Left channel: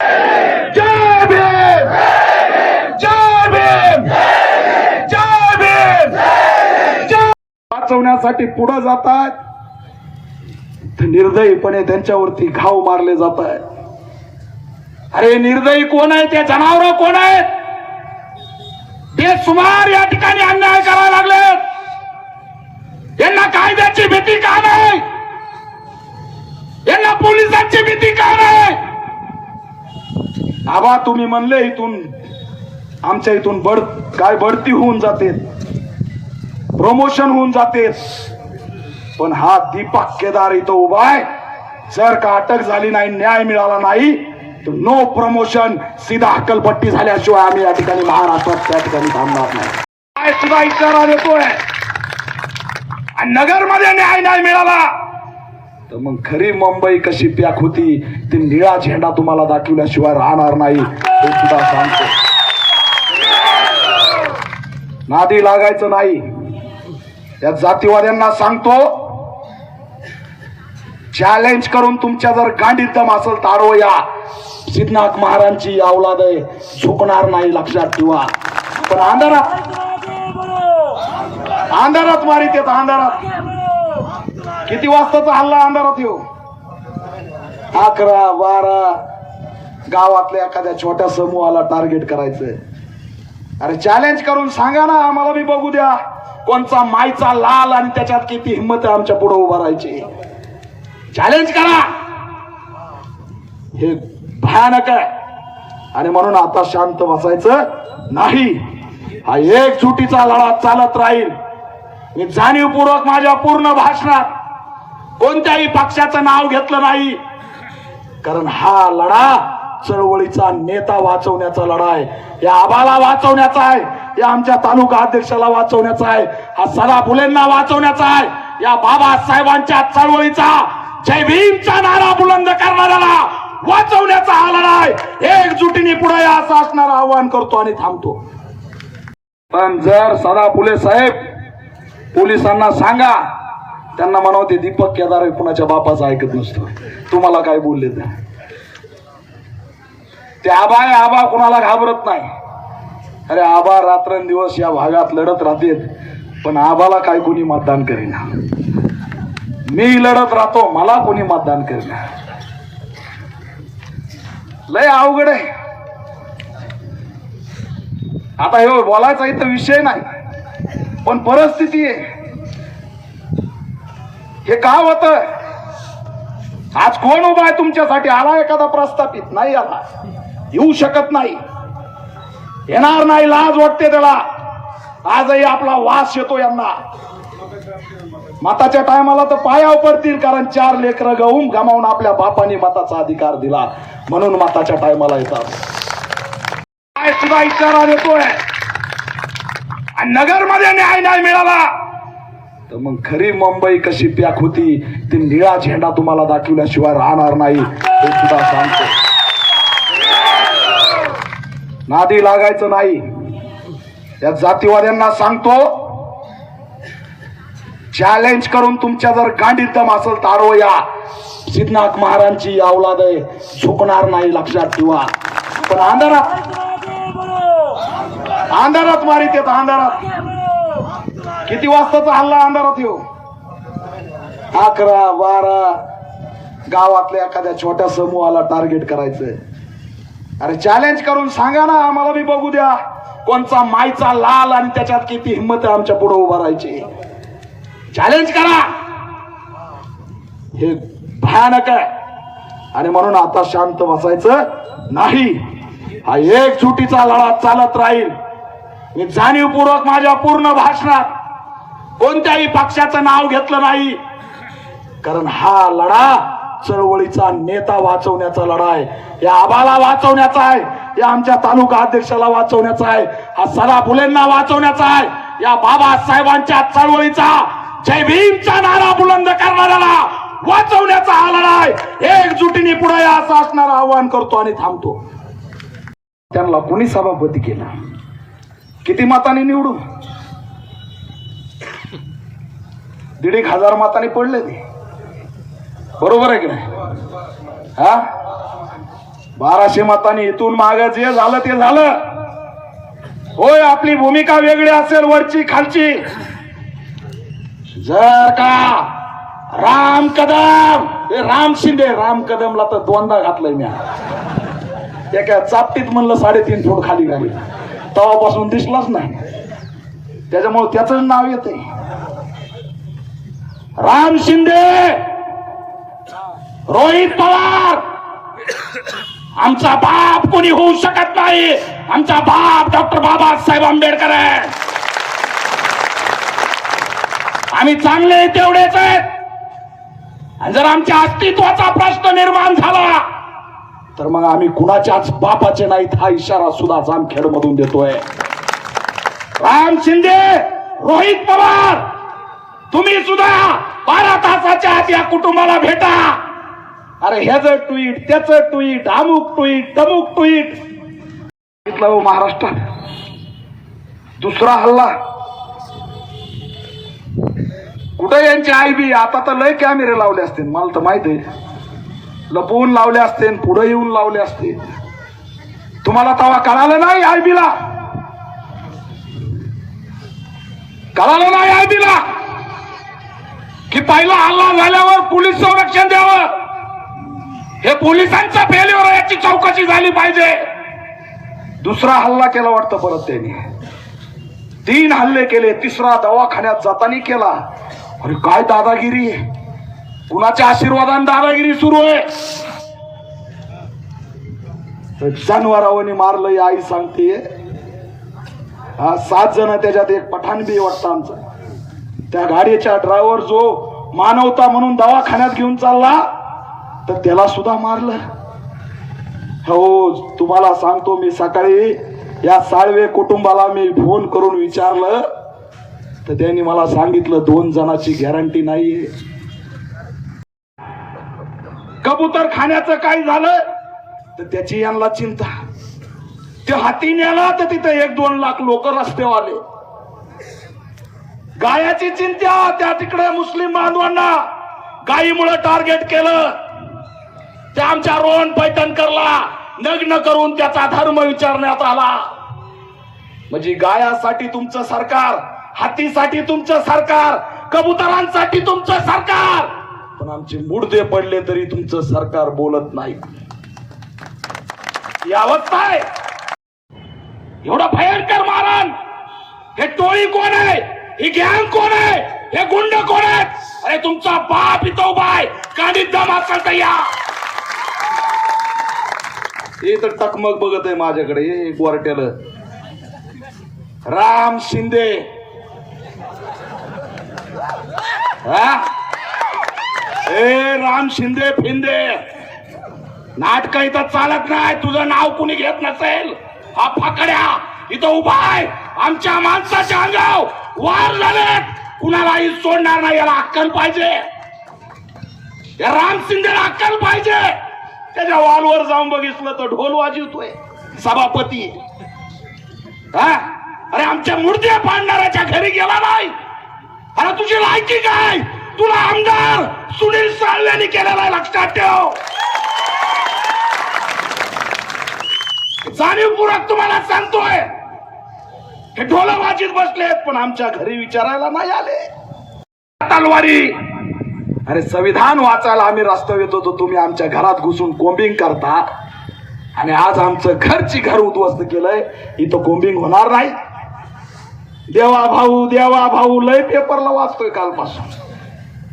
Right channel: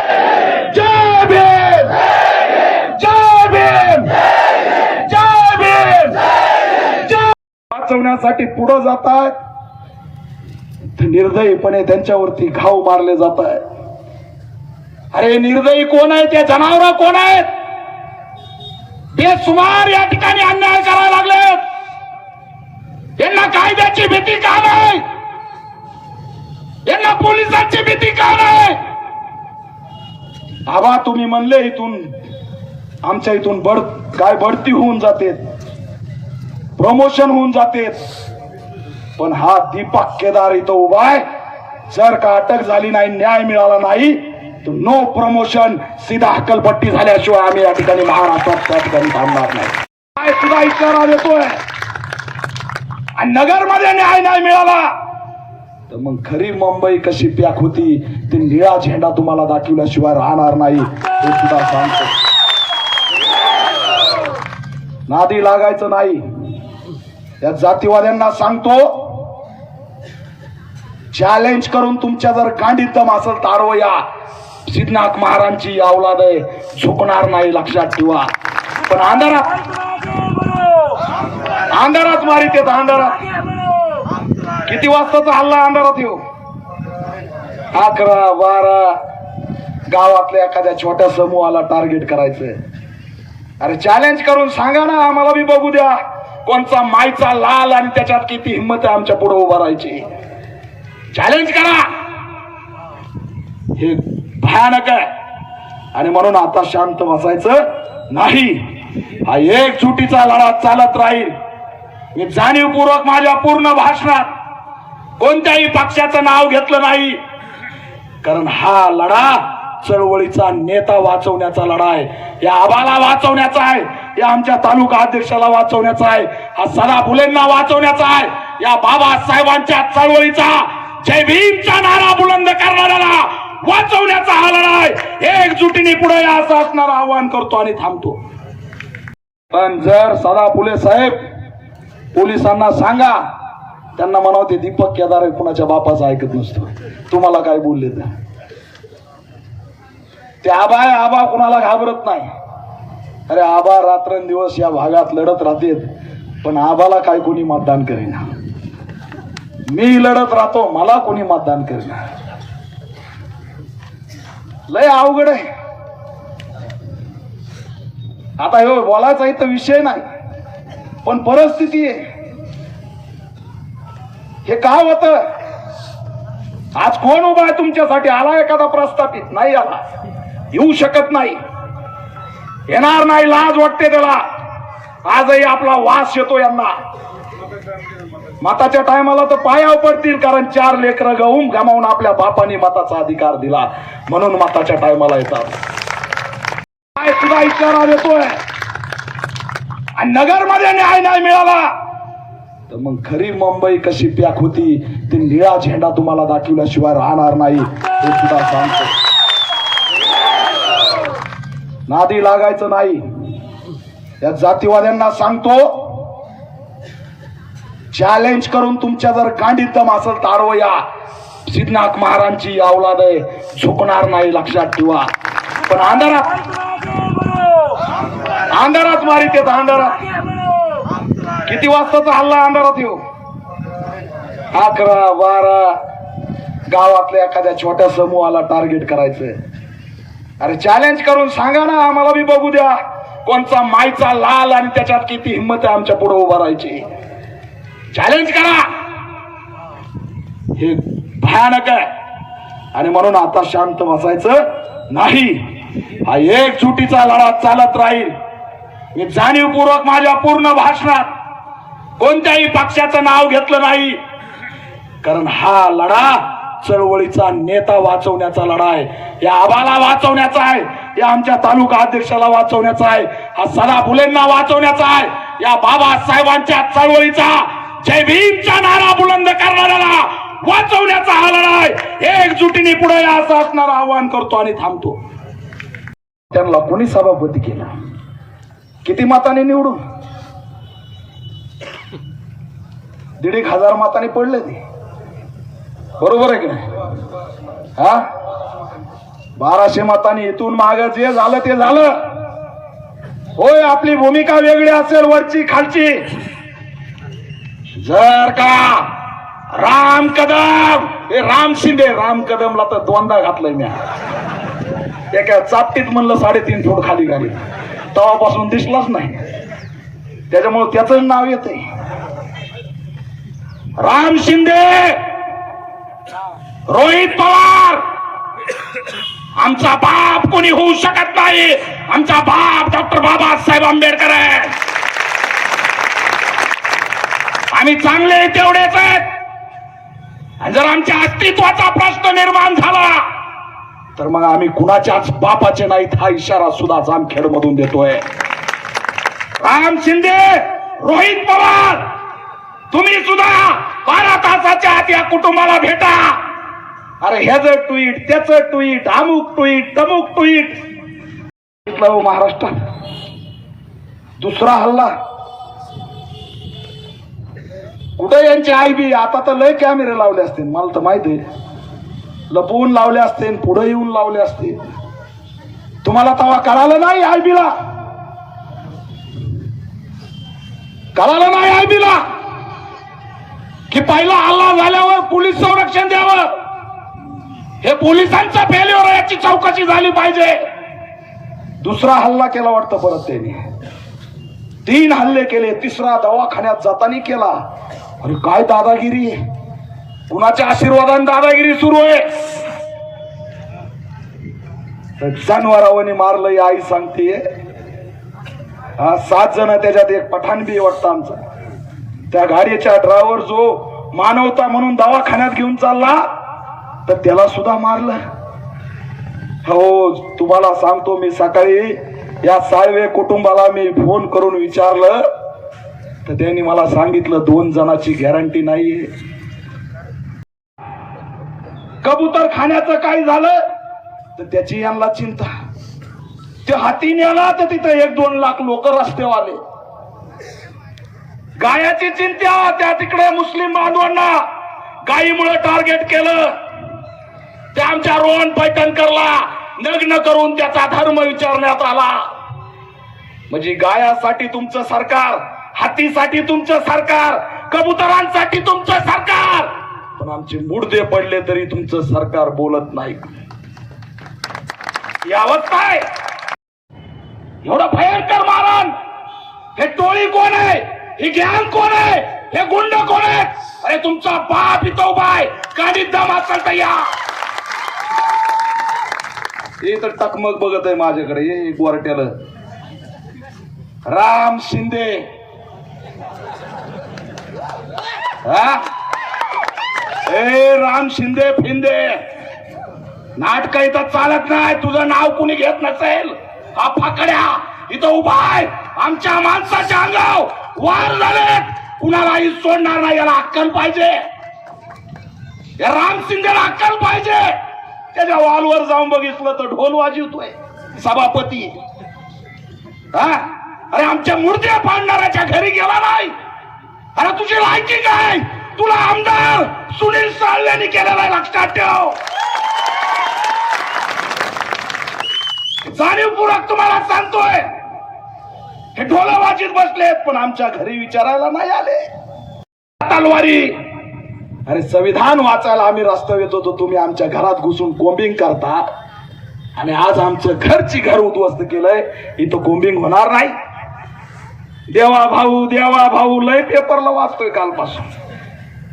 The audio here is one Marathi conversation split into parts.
जय भीम! जय भीम! जय भीम! जय वाचवण्यासाठी पुढे जात आहेत निर्दयीपणे त्यांच्यावरती घाव मारले जात आहे अरे निर्दयी कोण आहे ते जनावर कोण आहेत? बेसुमार या ठिकाणी अन्याय करायला लागले यांना कायद्याची भीती का नाही? यांना पोलिसांची भीती का नाही? आबा तुम्ही म्हणले इथून आमच्या इथून बढ काय बढती होऊन जाते. प्रमोशन होऊन जाते. पण हा दीपक केदार इथं उभा आहे. जर का अटक झाली नाही न्याय मिळाला नाही तर नो प्रमोशन सीधा हकलपट्टी झाल्याशिवाय आम्ही या ठिकाणी महाराष्ट्रात त्या ठिकाणी थांबणार नाही. सुद्धा इशारा देतोय. आणि नगरमध्ये न्याय नाही मिळाला. तर मग खरी मुंबई कशी पॅक होती ते निळा झेंडा तुम्हाला दाखवल्याशिवाय राहणार नाही हे सुद्धा सांगतो. नादी लागायचं नाही. या जातीवाद्यांना सांगतो चॅलेंज करून तुमच्या जर गांडीत दम असेल तारो या सिद्धनाथ महाराजांची अवलाद आहे झुकणार नाही लक्षात ठेवा. पण अंधारात अंधारात मारित येत अंधारात. किती वाजताचा हल्ला अंधारात येऊ? अकरा बारा गावातल्या एखाद्या छोट्या समूहाला टार्गेट करायचंय. अरे चॅलेंज करून सांगा ना आम्हाला बी बघू द्या. कोणचा मायचा लाल आणि त्याच्यात किती हिंमत आहे आमच्या पुढे उभा राहायची. चॅलेंज करा. हे भयानक आहे. आणि म्हणून आता शांत बसायचं नाही. हा एक चुटीचा लढा चालत राहील. मी जाणीवपूर्वक माझ्या पूर्ण भाषणात कोणत्याही पक्षाचं नाव घेतलं नाही. कारण हा लढा चळवळीचा नेता वाचवण्याचा लढा आहे. या आबाला वाचवण्याचा आहे. या आमच्या तालुका अध्यक्षाला वाचवण्याचा आहे. हा सदा फुलेंना वाचवण्याचा आहे. या बाबासाहेबांच्या चळवळीचा जय भीमचा नारा बुलंद करणाऱ्याला वाचवण्याचा हा लढा आहे. एकजुटीने पुढे या असं असणारं आवाहन करतो आणि थांबतो. पण जर सदा फुले साहेब पोलिसांना सांगा त्यांना म्हणावं ते दीपक केदार कुणाच्या बापाचं ऐकत नसतो. तुम्हाला काय बोलले ते? ते आबा आहे आबा कुणाला घाबरत नाही. अरे आबा रात्रंदिवस या भागात लढत राहते पण आबाला काय कोणी मतदान करेना. मी लढत राहतो मला कोणी मतदान करेना. लय अवघड आहे. आता हे बोलायचा इथं विषय नाही पण परिस्थिती आहे. हे काय होत आज कोण उभा आहे तुमच्यासाठी? आला एखादा प्रस्थापित? नाही आला. येऊ शकत नाही. येणार नाही लाज वाटते त्याला. आजही आपला वास येतो यांना. मताच्या टायमाला तर पाया पडतील कारण चार लेकरं गहून गमावून आपल्या बापाने मताचा अधिकार दिला. म्हणून मताच्या टायमाला येतात. काय सुद्धा इशारा देतोय? आणि नगरमध्ये न्याय नाही मिळाला. तर मग खरी मुंबई कशी पॅक होती ती निळा झेंडा तुम्हाला दाखवल्याशिवाय राहणार नाही हे सुद्धा सांगतो. नादी लागायचं नाही. या जातीवाद्यांना सांगतो चॅलेंज करून तुमच्या जर गांडीत दम असेल तारो या. सिद्धनाथ महाराजांची अवलाद आहे झुकणार नाही लक्षात ठेवा. पण अंधारात अंधारात मारित येत अंधारात. किती वाजताचा हल्ला अंधारात येऊ? अकरा बारा गावातल्या एखाद्या छोट्या समूहाला टार्गेट करायचंय. अरे चॅलेंज करून सांगा ना आम्हाला बी बघू द्या. कोणचा मायचा लाल आणि त्याच्यात किती हिंमत आहे आमच्या पुढे उभा राहायची. चॅलेंज करा. हे भयानक आहे. आणि म्हणून आता शांत बसायचं नाही. हा एक चुटीचा लढा चालत राहील. मी जाणीवपूर्वक माझ्या पूर्ण भाषणात कोणत्याही पक्षाचं नाव घेतलं नाही. कारण हा लढा चळवळीचा नेता वाचवण्याचा लढा आहे. या आबाला वाचवण्याचा आहे. या आमच्या तालुका अध्यक्षाला वाचवण्याचा आहे. हा सदा फुलेंना वाचवण्याचा आहे. या बाबासाहेबांच्या चळवळीचा जय भीमचा नारा बुलंद करणाऱ्याला वाचवण्याचा हा लढा आहे. एकजुटीने पुढे या असं असणारं आवाहन करतो आणि थांबतो. त्यांना कोणी सभापती केला? किती मताने निवडून दीड एक हजार मताने पडले ते. बरोबर आहे की नाही? हा? बाराशे मतांनी इथून माग जे झालं ते झालं. होय आपली भूमिका वेगळी असेल वरची खालची. जर का राम कदम हे राम शिंदे राम कदमला तर दोनदा घातलंय मी एका चापटीत म्हणलं साडेतीन फूट खाली घाली. तेव्हापासून दिसलाच नाही. त्याच्यामुळे त्याच नाव येते राम शिंदे रोहित पवार. आमचा बाप कोणी होऊ शकत नाही. आमचा बाप डॉक्टर बाबासाहेब आंबेडकर आहे. आम्ही चांगले तेवढेच आहेत जर आमच्या अस्तित्वाचा प्रश्न निर्माण झाला तर मग आम्ही कुणाच्याच बापाचे नाहीत हा इशारा सुद्धा जामखेड मधून देतोय. राम शिंदे रोहित पवार. तुम्ही सुद्धा बारा तासाच्या आत या कुटुंबाला भेटा. अरे ह्याच ट्विट त्याच ट्विट अमुक ट्विट तमुक ट्विट हो महाराष्ट्रात? दुसरा हल्ला. कुठे यांची आई बी? आता तर लय कॅमेरे लावले असतील. मला तर माहीत आहे. लपवून लावले असते पुढे येऊन लावले असते तुम्हाला तवा कळालं नाही आय बीला? कळालं नाही आय बीला? पहिला हल्ला झाल्यावर पोलीस संरक्षण द्यावं. हे पोलिसांचा फेल्युअर याची चौकशी झाली पाहिजे. दुसरा हल्ला केला वाटतं परत त्यांनी. तीन हल्ले केले तिसरा दवाखान्यात जाताना केला. अरे काय दादागिरी? कुणाच्या आशीर्वादाने दादागिरी सुरू आहे? तर मारलं ही आई सांगते सात जण त्याच्यात एक पठाण बी आहे वाटतं आमचा. त्या गाडीच्या ड्रायव्हर जो मानवता म्हणून दवाखान्यात घेऊन चालला तर त्याला सुद्धा मारलं. हो तुम्हाला सांगतो मी सकाळी या साळवे कुटुंबाला मी फोन करून विचारलं तर त्यांनी मला सांगितलं दोन जणांची गॅरंटी नाहीये. कबूतर खाण्याचं काय झालं? तर त्याची यांना चिंता. ते हाती नेला तर तिथं एक दोन लाख लोक रस्त्यावर आले. गायाची चिंत्या त्या तिकडे मुस्लिम बांधवांना गायीमुळे टार्गेट केलं. त्या आमच्या रोहन पैठणकरला नग्न करून त्याचा धर्म विचारण्यात आला. म्हणजे गायासाठी तुमचं सरकार हातीसाठी तुमचं सरकार कबुतरांसाठी तुमचं सरकार. पण आमचे मुडदे पडले तरी तुमचं सरकार बोलत नाही. यावत अवस्था आहे. एवढं भयंकर मारण. हे टोळी कोण आहे? ही गॅंग कोण आहे? हे गुंड कोण आहेत? अरे तुमचा बाप इथं बाय आहे. काडीत दम असेल या. हे तर टकमक बघत आहे माझ्याकडे. हे गोरट्याला राम शिंदे. हा? ए राम शिंदे फिंदे. नाटक इथं चालत नाही. तुझं नाव कुणी घेत नसेल? हा फाकड्या. इथं उभा आहे. आमच्या माणसाच्या अंगाव वार झाले. कुणालाही सोडणार नाही याला अक्कल पाहिजे. या राम शिंदेला अक्कल पाहिजे. त्याच्या वॉलवर जाऊन बघितलं तर ढोल वाजवतोय. सभापती. हा? अरे आमच्या मूर्त्या पाडणाऱ्याच्या घरी गेला नाही. अरे तुझी लायकी काय? तुला आमदार सुनील साळव्यांनी केलेला आहे, लक्षात ठेव. जाणीवपूर्वक तुम्हाला सांगतोय हे ढोला वाजीत बसलेत पण आमच्या घरी विचारायला नाही आले. तलवारी. अरे संविधान वाचायला आम्ही रस्त्यावर येत होतो तुम्ही आमच्या घरात घुसून कोंबिंग करता. आणि आज आमचं घरची घर उद्ध्वस्त केलंय इथं कोंबिंग होणार नाही. देवा भाऊ देवा भाऊ लय पेपरला वाचतोय कालपासून.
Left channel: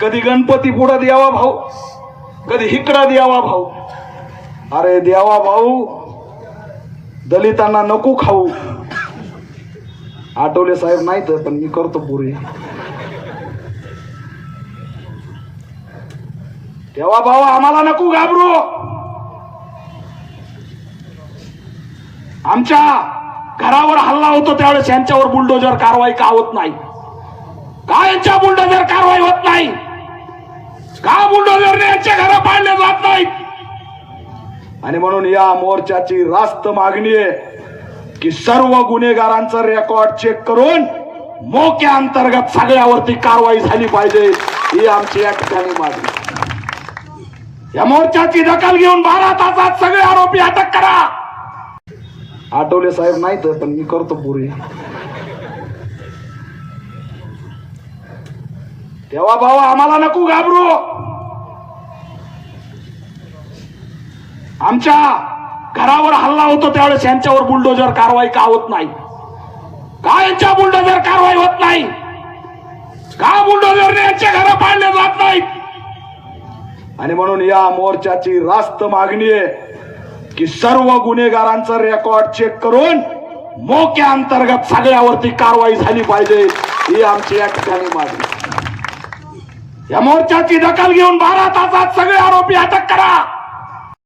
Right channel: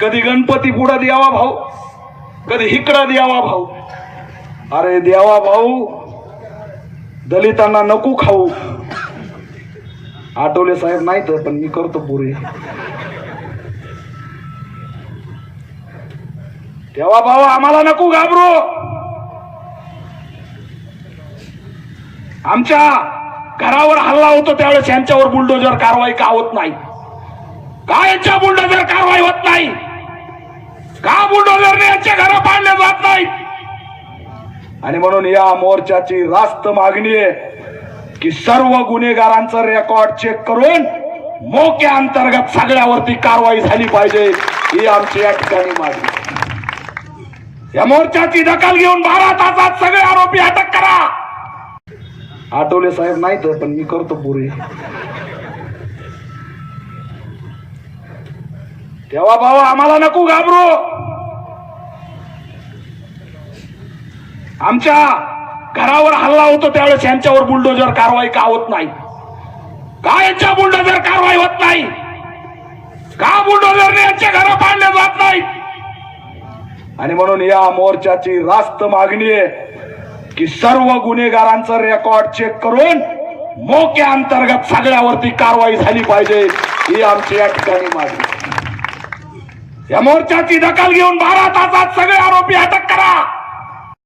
कधी गणपती पुढं देवा भाऊ कधी इकडं देवा भाऊ. अरे देवा भाऊ दलितांना नको खाऊ. आठवले साहेब नाही तर पण मी करतो पुरे. तेव्हा भाऊ आम्हाला नको घाबरू. आमच्या घरावर हल्ला होतो त्यावेळेस यांच्यावर बुलडोजर कारवाई का होत नाही? का यांच्या बुलडोजर कारवाई होत नाही? का बुलडोजरने यांच्या घर पाडले जात नाही? आणि म्हणून या मोर्चाची रास्त मागणी आहे. की सर्व गुन्हेगारांचं रेकॉर्ड चेक करून मोक्या अंतर्गत सगळ्यावरती कारवाई झाली पाहिजे ही आमची या ठिकाणी मागणी. या मोर्चाची दखल घेऊन बारा तासात सगळे आरोपी अटक करा. आठवले साहेब नाही तर पण मी करतो पुरे. तेव्हा भावा आम्हाला नको घाबरू. आमच्या घरावर हल्ला होतो त्यावेळेस यांच्यावर बुलडोजर कारवाई का होत नाही? का यांच्या बुलडोजर कारवाई होत नाही? का बुलडोजरने यांच्या घरं पाडल्या जात नाही? आणि म्हणून या मोर्चाची रास्त मागणी आहे की सर्व गुन्हेगारांचं रेकॉर्ड चेक करून मोक्या अंतर्गत सगळ्यावरती कारवाई झाली पाहिजे ही आमची या ठिकाणी मागणी या मोर्चाची दखल घेऊन बारा तासात सगळे आरोपी अटक करा.